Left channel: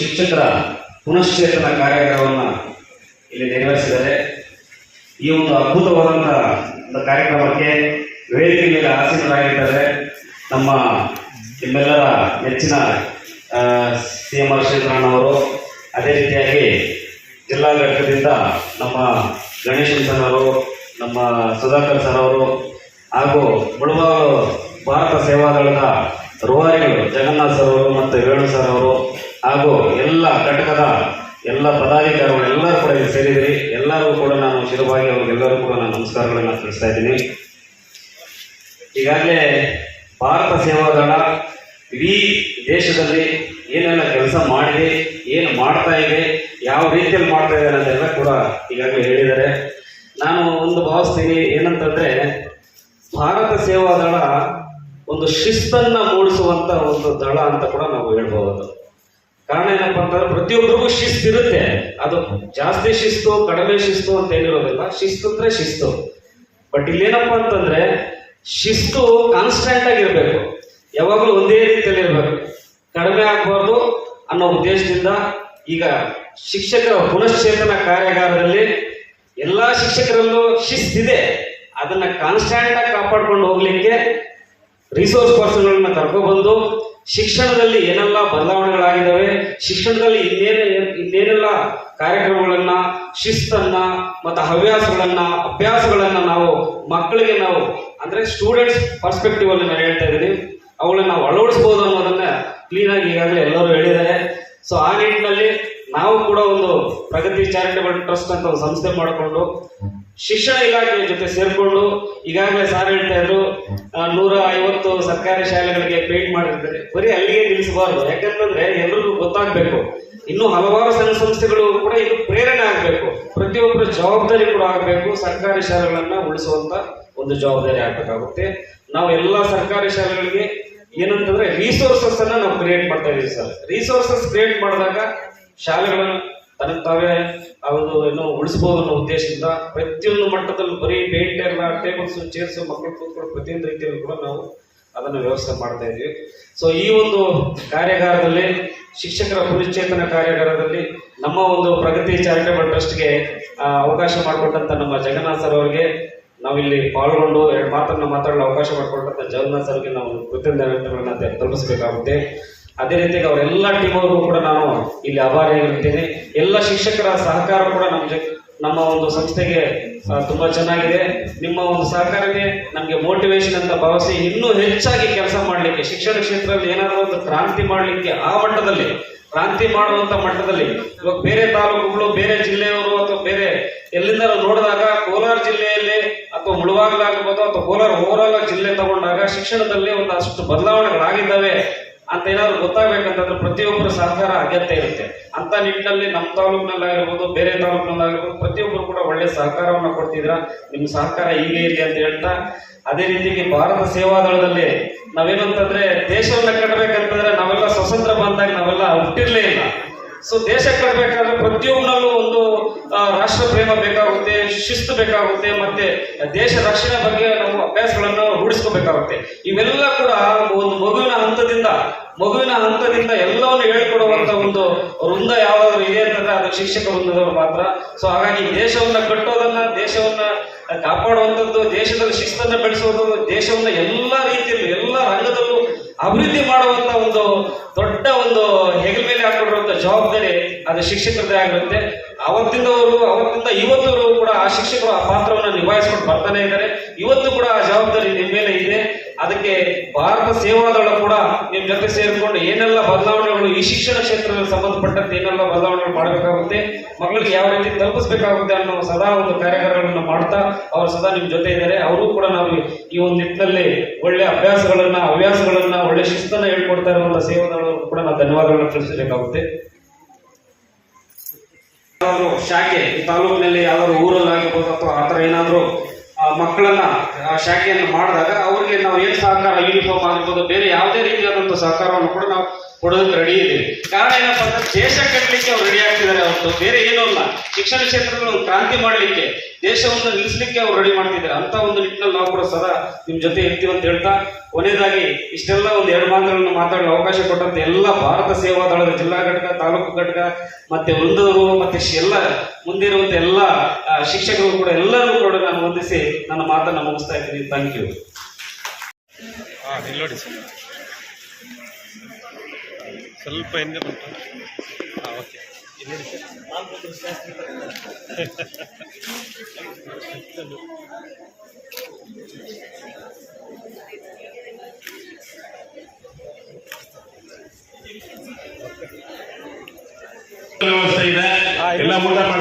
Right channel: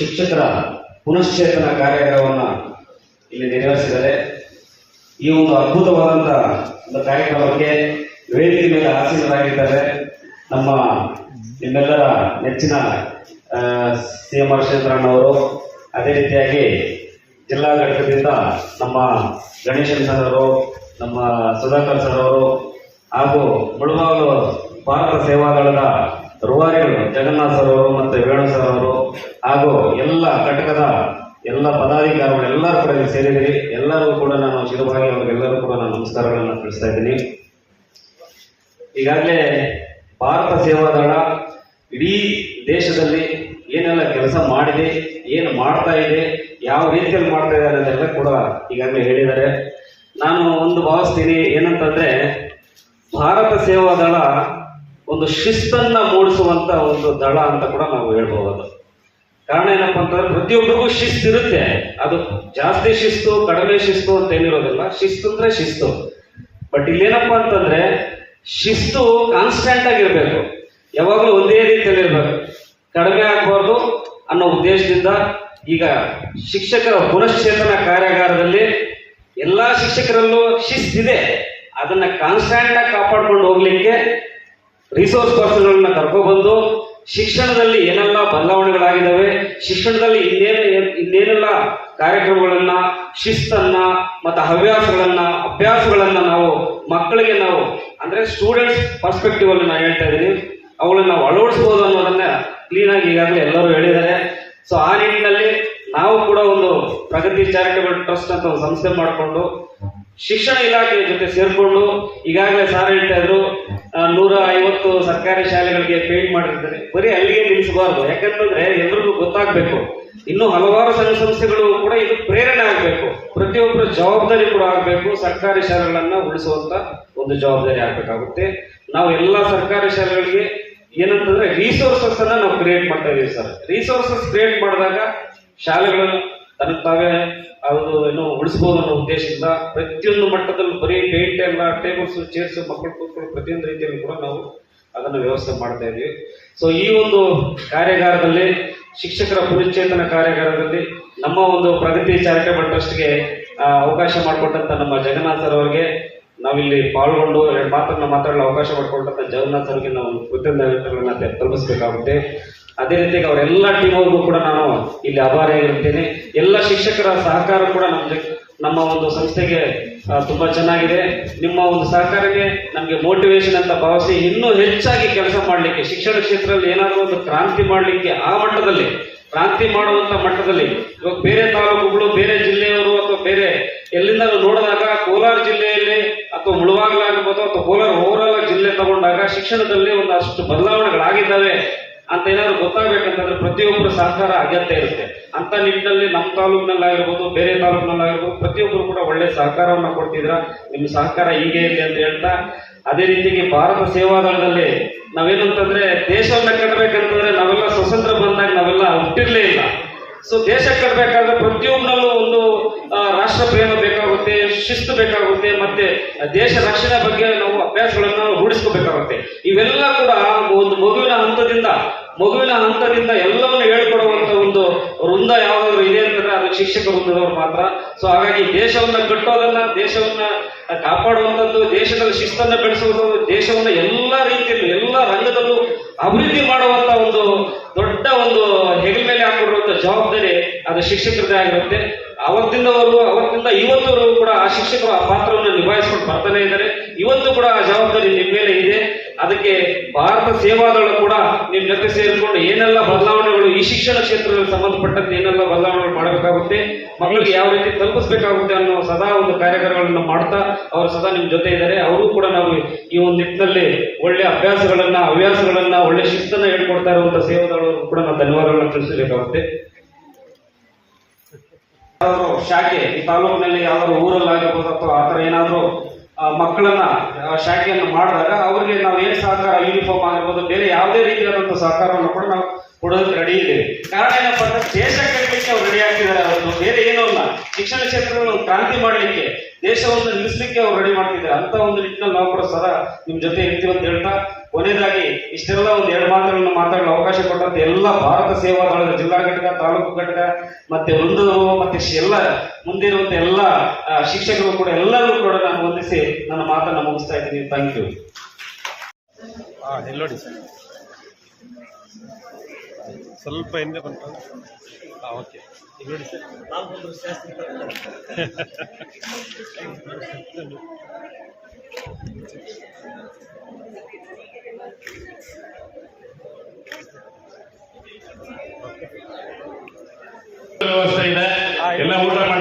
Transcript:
ಶಿಕ್ಷಕರ ಪುನಶ್ಚೇತನ ಕಾರ್ಯಕ್ರಮವನ್ನು ಇಲ್ಲಿ ನೆರವೇರಿಸಿದ್ದಾರೆ. ಈ ಒಂದು ಅದ್ಭುತವಾದಂಥ ಒಂದು ಕಾರ್ಯಕ್ರಮಕ್ಕೆ ವೇದಿಕೆ ಮೇಲೆ ಆಸೀನರಾಗಿದ್ದಾರೆ. ನಮ್ಮ ನಿಮ್ಮೆಲ್ಲರ ನೆಚ್ಚಿನ ಸಿ ಎಂ ಆರ್ ಕ್ಷೇತ್ರಣ್ಣವರು ಅದೇ ರೀತಿಯಾಗಿ ಜಿಲ್ಲಾ ಘಟಕದಿಂದ ನಮ್ಮ ಗಣೇಶನ್ ಸರ್ ಅವರು, ನಮ್ಮ ಸುಧಾಕರ್ ಸರ್ ಅವರು ಹಾಗೂ ಮುಳುಬಾಗಲು ಭಾರತ ಸೇವಾದಳದ ನಮಸ್ಕಾರಗಳನ್ನು ತಿಳಿಸ್ತಾ ಇದ್ದೀನಿ. ಈಗಾಗಲೇ ಭಾರತ ಸೇವಾ ದಳ ಇಡೀ ದೇಶದಲ್ಲಿ ಏನೆಲ್ಲ ಕೆಲಸ ಮಾಡಿದೆ, ಏನು ಮಾಡ್ತಾ ಇದೆ, ಯಾವ ರೀತಿಯಲ್ಲಿ ಮಾಡ್ತಾ ಇದ್ದಾರೆ ಅದೆಲ್ಲ ಕೂಡ ಈಗಾಗಲೇ ಹೇಳಿದ್ದಾರೆ. ನಾನು ಒಂದು ಭಾವಿಸ್ತೀನಿ ಏನಂತಂದ್ರೆ, ಭಾರತ ಸೇವಾ ದಳ ಒಂದು ಶಿಸ್ತನ್ನು ಮೂಡಿಸುವಂತ ಒಂದು ದಳ ಅಂತ ಕೂಡ ನಾವು ಹೇಳ್ಬೋದು ಕಾರಣ ಏನಪ್ಪಾ ಅಂತಂದ್ರೆ ಪ್ರತಿಯೊಬ್ಬರಿಗೂ ಶಿಸ್ತು ಇರುತ್ತೆ ಅದು ಜಾಸ್ತಿ ಶಿಸ್ತು, ಕಡಿಮೆ ಶಿಸ್ತು ಅಂತ ಏನಿರೋದಿಲ್ಲ. ಶಿಸ್ತು ಅಂದ್ರೆ ಶಿಸ್ತು. ಬಟ್ ಇಲ್ಲೇನಪ್ಪ ಅಂತಂದ್ರೆ ಶಿಸ್ತು ಕಾನ್ಸ್ಟೆಂಟ್ ಆಗಿರ್ಬೇಕು. ಯಾವಾಗಲೂ ಒಂದೇ ರೀತಿಯಲ್ಲಿ ಇರಬೇಕು. ಕಡಿಮೆ ಆಗಬಾರ್ದು ಅನ್ನೋ ಉದ್ದೇಶದಿಂದ ಈಗ ಶಿಕ್ಷಕರ ಪುನಶ್ಚೇತನ ಕಾರ್ಯಾಗಾರದಲ್ಲಿ ಎಲ್ಲಾ ಶಿಕ್ಷಕರಲ್ಲೂ ಶಿಸ್ತಿದೆ. ಅದನ್ನ ಕಾನ್ಸ್ಟೆಂಟ್ ಆಗಿ ಕಾಪಾಡ್ಕೊಂಡು ಹೋಗ್ಲಿಕ್ಕೆ ರಿಸೋರ್ಸ್ ಪರ್ಸನ್ಗಳನ್ನ ಕರ್ಕೊಬಂದು ಶಿಕ್ಷಣದಲ್ಲಿ ಏನೆಲ್ಲ ಬದಲಾವಣೆಗಳಾಗಿದ್ದಾವೆ, ಶಿಕ್ಷಣದಲ್ಲಿ ಇನ್ನೇನು ಇನ್ನೇನೆಲ್ಲ ಕಾರ್ಯಕ್ರಮಗಳನ್ನ, ಶಿಸ್ತನ್ನ ಮತ್ತು ಹವ್ಯಾಸಗಳನ್ನ, ಅಭ್ಯಾಸಗಳನ್ನ ನಾವು ಮಕ್ಕಳಿಗೆ ನಾವು, ಅಂದ್ರೆ ಸ್ಟೂಡೆಂಟ್ಸ್ ಪರ್ಸ್ಪೆಕ್ಟಿವ್ ಅಲ್ಲಿ ನಾನು ಹೇಳ್ತಾ ಇದ್ದೀನಿ ಅವುಗಳನ್ನ ನಾವು ಅಳವಡಿಸ್ಬೋದು ಅನ್ನೋದನ್ನ ಕ್ಲೀನಾಗಿ ಈಗಾಗಲೇ ಎಲ್ಲರೂ ಹೇಳಿದ್ದಾರೆ. ಸೊ ಆ ನಿಟ್ಟಿನಲ್ಲಿ ನಾವು ಕೂಡ ಒಂದು ಪ್ರಗತಿ ಚಾರಿಟಬಲ್ ಟ್ರಸ್ಟ್ ಅಂತ ಒಂದು ಸಂಸ್ಥೆ ಮಾಡಿಕೊಂಡು ಶಿಕ್ಷಣ ಇಲಾಖೆಯ ಜೊತೆ ಸೇರ್ಕೊಂಡು ಈಗಾಗಲೇ ಸಾರ್ ಹೇಳ್ತಾ ಇದ್ರು ನೂರ ಐವತ್ತು ಸರ್ಕಾರಿ ಶಾಲೆಗಳಿಗೆ ಪೇಂಟ್ ಮಾಡಿರ್ತಾರೆ. ಬರೀ ಅಲ್ಲಿಗೆ ನಿಲ್ಲಿಸಬಾರ್ದು. ಯಾಕಂತಂದ್ರೆ ಎಲ್ರಿಗೂ ಗೊತ್ತಾಗ್ಬೇಕು. ಇನ್ನು ಹಲವಾರು ಸಣ್ಣ ಸಂಸ್ಥೆಗಳು ಕೂಡ ಇದು ಪ್ರೇರಣೆ ಆಗಬೇಕು. ಪ್ರತಿಯೊಬ್ಬರು ಜವಾಬ್ದಾರಿ ಕೂಡ ಆಗಬೇಕು. ಸರ್ಕಾರಿ ಶಾಲೆಗಳನ್ನ ಉಳಿಸುವಂತ ಒಂದು ಜವಾಬ್ದಾರಿ ಆಗಬೇಕಾಗುತ್ತೆ. ನಾವು ಎಲ್ಲ ಸರ್ಕಾರಿ ಶಾಲೆಗಳಿಗೆ ಏನಂತಂದ್ರೆ ರಿಸೋರ್ಸಸ್ ಅನ್ನ ನಾವು ಕ್ರಿಯೇಟ್ ಮಾಡ್ತಾ ಇದೀವಿ ಸರ್. ರಿಸೋರ್ಸಸ್ ಕ್ರಿಯೇಟ್ ಮಾಡಿದಾಗ ಶಾಲೆಗಳನ್ನು ತನ್ನ ತಾವೇ ಅದು ಏನು ಉಳಿಸ್ಬೋದು ಅನ್ನೋ ಉದ್ದೇಶದಿಂದ ಪ್ರತಿಯೊಂದು ಮಟ್ಟದಲ್ಲೂ ಬರೀ ಪೇಂಟ್ ಎಲ್ಲ ಟೇಬಲ್ಸ್ ಚೇರ್ಸ್ ಮಕ್ಕಳು ಕೂತ್ಕೊಂಡು ಪ್ರತಿಯೊಂದು ರೀತಿಯಲ್ಲೂ ಕೂಡ ನಾವು ಅದನ್ನು ವ್ಯವಸ್ಥೆ ಮಾಡ್ತಾ ಇದ್ವಿ. ಸೊ ಈ ಒಂದು ಕಾರ್ಯಾಗಾರದಲ್ಲಿ ಶಿಕ್ಷಕರ ಪುನಶ್ಚೇತನ ಕಾರ್ಯಾಗಾರದಲ್ಲಿ ನಮ್ಮ ಒಂದು ಪ್ರಗತಿ ಚಾರಿಟೇಬಲ್ ಟ್ರಸ್ಟ್ಗೆ ಅವಕಾಶ ಮಾಡಿಕೊಟ್ಟಂತ ನಮ್ಮ ಜಗನ್ನಾಥ್ ಸರ್ ಅವರಿಗೆ ನಾವಿಲ್ಲಿ ಪಾಲ್ಗೊಂಡು ಎರಡು ಮಾತನ್ನ ಮಾತಾಡಲು ಅವಕಾಶ ಮಾಡಿಕೊಟ್ಟಂತ ಜಗನ್ನಾಥ್ ಸರ್ಗೆ ನಾವು ಕೃತಜ್ಞತೆಗಳನ್ನ ತಲುಪಿಸಬೇಕಾಗುತ್ತೆ. ಅದೇ ರೀತಿಯಾಗಿ ಅವರೆಲ್ಲ ಟೀಮ್ ಅವ್ರಿಗೂ ಕೂಡ ನಾನು ಇಲ್ಲಿ ಆಭಾರಿಯಾಗಿರ್ತೇನೆ ಎಲ್ಲ ಶಿಕ್ಷಕರ ಸಹಕಾರ ಕೂಡ ನಮ್ಮ ನಮ್ಮ ಒಂದು ಸಂಸ್ಥೆಗೆ ತುಂಬಾ ಚೆನ್ನಾಗಿದೆ. ನಿಮ್ಮ ಒಂದು ಸಹಕಾರಕ್ಕೆ ನಮಗೆ ಮೋಟಿವೇಶನ್ ಅಂತ ಭಾವಿಸಿ ಇನ್ನೂ ಹೆಚ್ಚಾಗಿ ಕೆಲಸ ಮಾಡಲಿಕ್ಕೆ, ಶಿಕ್ಷಣ ಕ್ಷೇತ್ರದಲ್ಲಿ ಏನಾದರೂ ಒಂದು ಕ್ರಾಂತಿ ಮಾಡಲಿಕ್ಕೆ ಆ ಮಟ್ಟದಲ್ಲಿ, ಕ್ರಾಂತಿ ಮಾಡುವಂತ ಮಟ್ಟದಲ್ಲಿ, ಇವಾಗ ಬೇರೆ ತಾಲೂಕುಗಳು, ಬೇರೆ ಜಿಲ್ಲೆಯವರು ಅಥವಾ ಬೇರೆ ಎಲ್ಲಿಂದ ನೋಡಿದಾಗ ಕೋಲಾರ ಜಿಲ್ಲೆಯಲ್ಲಿ ಅಥವಾ ಮುಳುವಾಗಲಾಗಿರ್ಬೋದು ಅಥವಾ ಕೋಲಾರ ಓವರಾಲ್ ಜಿಲ್ಲೆ ತಗೊಂಡಾಗ ಶಿಕ್ಷಣದಲ್ಲಿ ಒಂದಷ್ಟು ಬದಲಾವಣೆಗಳಾಗಿದ್ದಾವೆ ಅಂತ ಏನಾದ್ರು ಗೊತ್ತಾಗಬೇಕಂತಂದ್ರೆ ಪ್ರತಿಯೊಬ್ಬರ ಸಹಕಾರ ಅಗತ್ಯ ಇರುತ್ತೆ. ಅಂತ ನಿಟ್ಟಿನಲ್ಲಿ ನಮ್ಮ ತಾಲೂಕಿನಲ್ಲಾಗಿರ್ಬೋದು, ಬೇರೆ ತಾಲೂಕಿನಲ್ಲಾಗಿರ್ಬೋದು ಪ್ರತಿಯೊಬ್ಬರು ಕೂಡ ಒಳ್ಳೆ ಸಹಕಾರವನ್ನು ಕೊಡ್ತಿದ್ರ. ನಿಮ್ಮ ಸಹಕಾರ ಹೀಗೆ ಇರಲಿ ಅಂತ ಹೇಳ್ತಾ, ಅದೇ ರೀತಿಗೆ ಭಾರತ ಸೇವಾದಳದಲ್ಲಿ ನಾವೇನಂತಂದ್ರೆ ದೇಶವನ್ನ ಕಟ್ಟಬೇಕಂತಂದ್ರೆ ನಾವೆಲ್ಲ ಸ್ವತಂತ್ರ ಬಂದಾಗ ನಾವೆಲ್ಲ ಹುಟ್ಟಿರ್ಲೇ ಇಲ್ಲ. ಸೊ ದೇಶ ಕಟ್ಟಬೇಕಾದ್ರೆ ಪ್ರತಿಯೊಬ್ಬರಲ್ಲೂ ಒಂದು ರಾಷ್ಟ್ರ ಪ್ರೇಮ ಬೇಕಾಗುತ್ತೆ, ಶಿಸ್ತು ಬೇಕಾಗುತ್ತೆ, ಮತ್ತೆ ದೇಶ ರಕ್ಷಣೆ ಬಗ್ಗೆ ನಾವು ಅಭ್ಯಾಸಗಳನ್ನು ರೂಢಿಸ್ಕೋಬೇಕಾಗುತ್ತೆ. ಇವೆಲ್ಲ ಕೂಡ ಒಂದು ಮಗುವಿನ ಹಂತದಿಂದ ಮಗುವಿನ ಹಂತದಿಂದ ಎಲ್ಲವನ್ನು ಹೇಳ್ಕೊಡುವಂತ ಒಂದು ವೃಂದ ಯಾವ್ದಾದ್ರು ಇದೆ ಅಂತಂದ್ರೆ ಅದು ಶಿಕ್ಷಕ ವೃಂದದವರು ಮಾತ್ರ ಸೊ ಹಾಗಾಗಿ ದೇಶವನ್ನ ಕಟ್ಟೋದನ್ನ, ದೇಶವನ್ನ ಕಾಪಾಡುವಂಥದ್ದು ದೇಶದಲ್ಲಿ ಶಿಸ್ತನ್ನು ಬೆಳೆಸುವಂಥದ್ದು, ದೇಶವನ್ನ ಎಲ್ಲ ರೀತಿಯಲ್ಲಿ, ಎಲ್ಲ ರಂಗದಲ್ಲೂ ಅಭಿವೃದ್ಧಿ ಮಾಡುವಂತ ಒಂದು ದೊಡ್ಡ ಒಂದು ಹೆಗಲ ಮೇಲೆ ಹಾಕೊಂಡಿರುವಂತ ಜವಾಬ್ದಾರಿ ಅದು ಶಿಕ್ಷಕರದೇ ಆಗಿರುತ್ತೆ. ಅವತ್ತಿಂದವರು ಅವತ್ತಿಂದ ಇವತ್ತವರು ಕೂಡ ಆ ಶಿಕ್ಷಕರು ಆ ಪಾತ್ರವನ್ನು ನಿಭಾಯಿಸ್ಕೊಂಡು ಬರ್ತಾನೆ ಇದ್ದಾರೆ. ಇವತ್ತು ಕೂಡ ಆ ಜವಾಬ್ದಾರಿ ನಿಮ್ಮ ಮೇಲೆ ಇದೆ. ಅದಕ್ಕೆ ಭಾರತ ಸೇವಾದಳ ಕೂಡ ನಿಮ್ಮ ಜೊತೆ ಸೇರಿಕೊಂಡು ಏನೆಲ್ಲ ಬದಲಾವಣೆಗಳು ಈ ಶಿಕ್ಷಣ ಕ್ಷೇತ್ರದಲ್ಲಿ ಸಂಬಂಧಪಟ್ಟಂತೆ ಏನೆಲ್ಲ ಬದಲಾವಣೆಗಳು ಮಾಡಬೇಕಾಗುತ್ತೆ, ಮಕ್ಕಳಿಗೆ ಯಾವ ರೀತಿ ತಲುಪಿಸಬೇಕಾಗುತ್ತೆ ಅನ್ನೋ ಸದಾ ಒಂದು ಕಾರ್ಯಕ್ರಮಗಳನ್ನು ಮಾಡ್ತಾ ಅವರು ಸದಾ ನಿಮ್ಮ ಜೊತೆ ಇದ್ದಾರೆ. ಅವರು ಕೂಡ ನಾವು ಈ ಒಂದು ನಿಟ್ಟಿನಲ್ಲಿ ಒಳ್ಳೆ ಅಭ್ಯಾಸಗಳನ್ನ, ಹವ್ಯಾಸಗಳನ್ನ, ಒಳ್ಳೆ ಶಿಸ್ತನ್ನ ಹೇಳ್ಕೊಡ್ತಾ ಇರುವಂತಹ ಸೇವಾದಳು ಕೂಡ ನಾವು ಧನ್ಯವಾದಗಳನ್ನ ತಿಳಿಸಬೇಕಾಗುತ್ತೆ. ಶಾಖೆ, ಈ ತಾಲೂಕಿನಲ್ಲಿ ಊರಲ್ಲಿ ಆಗಬಹುದು ಅಥವಾ ಆ ಥರ ಏನಾದ್ರು ಮಕ್ಕಳನ್ನ ಶಾಖೆಯನ್ನು ಮಾಡಿದಾಗ ಅವ್ರಿಗೆ ನಾವು ಏನು ಸಹಕಾರ ಯೂನಿಫಾರ್ಮ್ ಆಗಿರ್ಬೋದು, ಬೇರೆ ಯಾವುದೇ ರೀತಿಯಾದಂಥ ಸಹಕಾರವನ್ನು ಕೂಡ ನಾವು ಕೊಡೋದಕ್ಕೆ ರೆಡಿ ಇದ್ದೀವಿ. ಕಾರಣ ಏನಪ್ಪ ಅಂದ್ರೆ ದೇಶ ಕಟ್ಟಲಿಕ್ಕೆ ಅವ್ರು ರೆಡಿ ಆಗ್ತಿದ್ದಾರೆ ಅವತ್ತು ಬೇರೆ ಏನೂ ಅಲ್ಲ. ಶಿಕ್ಷಣ ಕ್ಷೇತ್ರದಲ್ಲಿ ಕ್ರಾಂತಿ ಮಾಡಲಿಕ್ಕೆ, ದೇಶವನ್ನು ನಿಲ್ಲಿಸಲಿಕ್ಕೆ ಅವ್ರು ರೆಡಿ ಮಾಡ್ತಿದ್ದಾರೆ. ಅಂತ ಒಂದು ನಿಟ್ಟಿನಲ್ಲಿ ನಾವು ಕೂಡ ಸದಾ ನಿಮ್ಮ ಜೊತೆ ಇರ್ತೀವಿ ಅಂತ ಹೇಳ್ತಾ ಕೊನೆಯದಾಗಿ ಇಷ್ಟೆಲ್ಲ ಒಂದು ಎರಡು ಮಾತುಗಳನ್ನು ಮಾತಾಡಲು ಅವಕಾಶ ಕೊಟ್ಟಂತ ಎಲ್ಲ ಭಾರತ ಸೇವಾ ದಳದ ಜಿಲ್ಲಾ ಘಟಕ ತಾಲೂಕು ಘಟಕ ಮತ್ತೆ ಒಂದು ಮತ್ತೆ ಎಲ್ಲ ಮುಂದಿರುವಂತ ಎಲ್ಲ ಆ, ಶಿಕ್ಷಕರು ಕೂಡ ಎಲ್ಲರೂ ಕೂಡ ನಾನು ವಂದಿಸಿ ನನ್ನ ಮಾತನ್ನು ಮುಗಿಸ್ತಾ ಇದ್ದೀನಿ. ಥ್ಯಾಂಕ್ ಯು ಹಾಂ ಇಲ್ಲಿ ನೋಡಿ ಸರ್. ಸ್ವಲ್ಪ ಹಿಂದೆ ಬಂತು. ಓಕೆ. ಇಲ್ಲಿ ನೋಡಿ ಸರ್. ವ್ಯವಸ್ಥೆ ಇದೆ ಎಲ್ಲ ಊಟ ಮಾಡಿ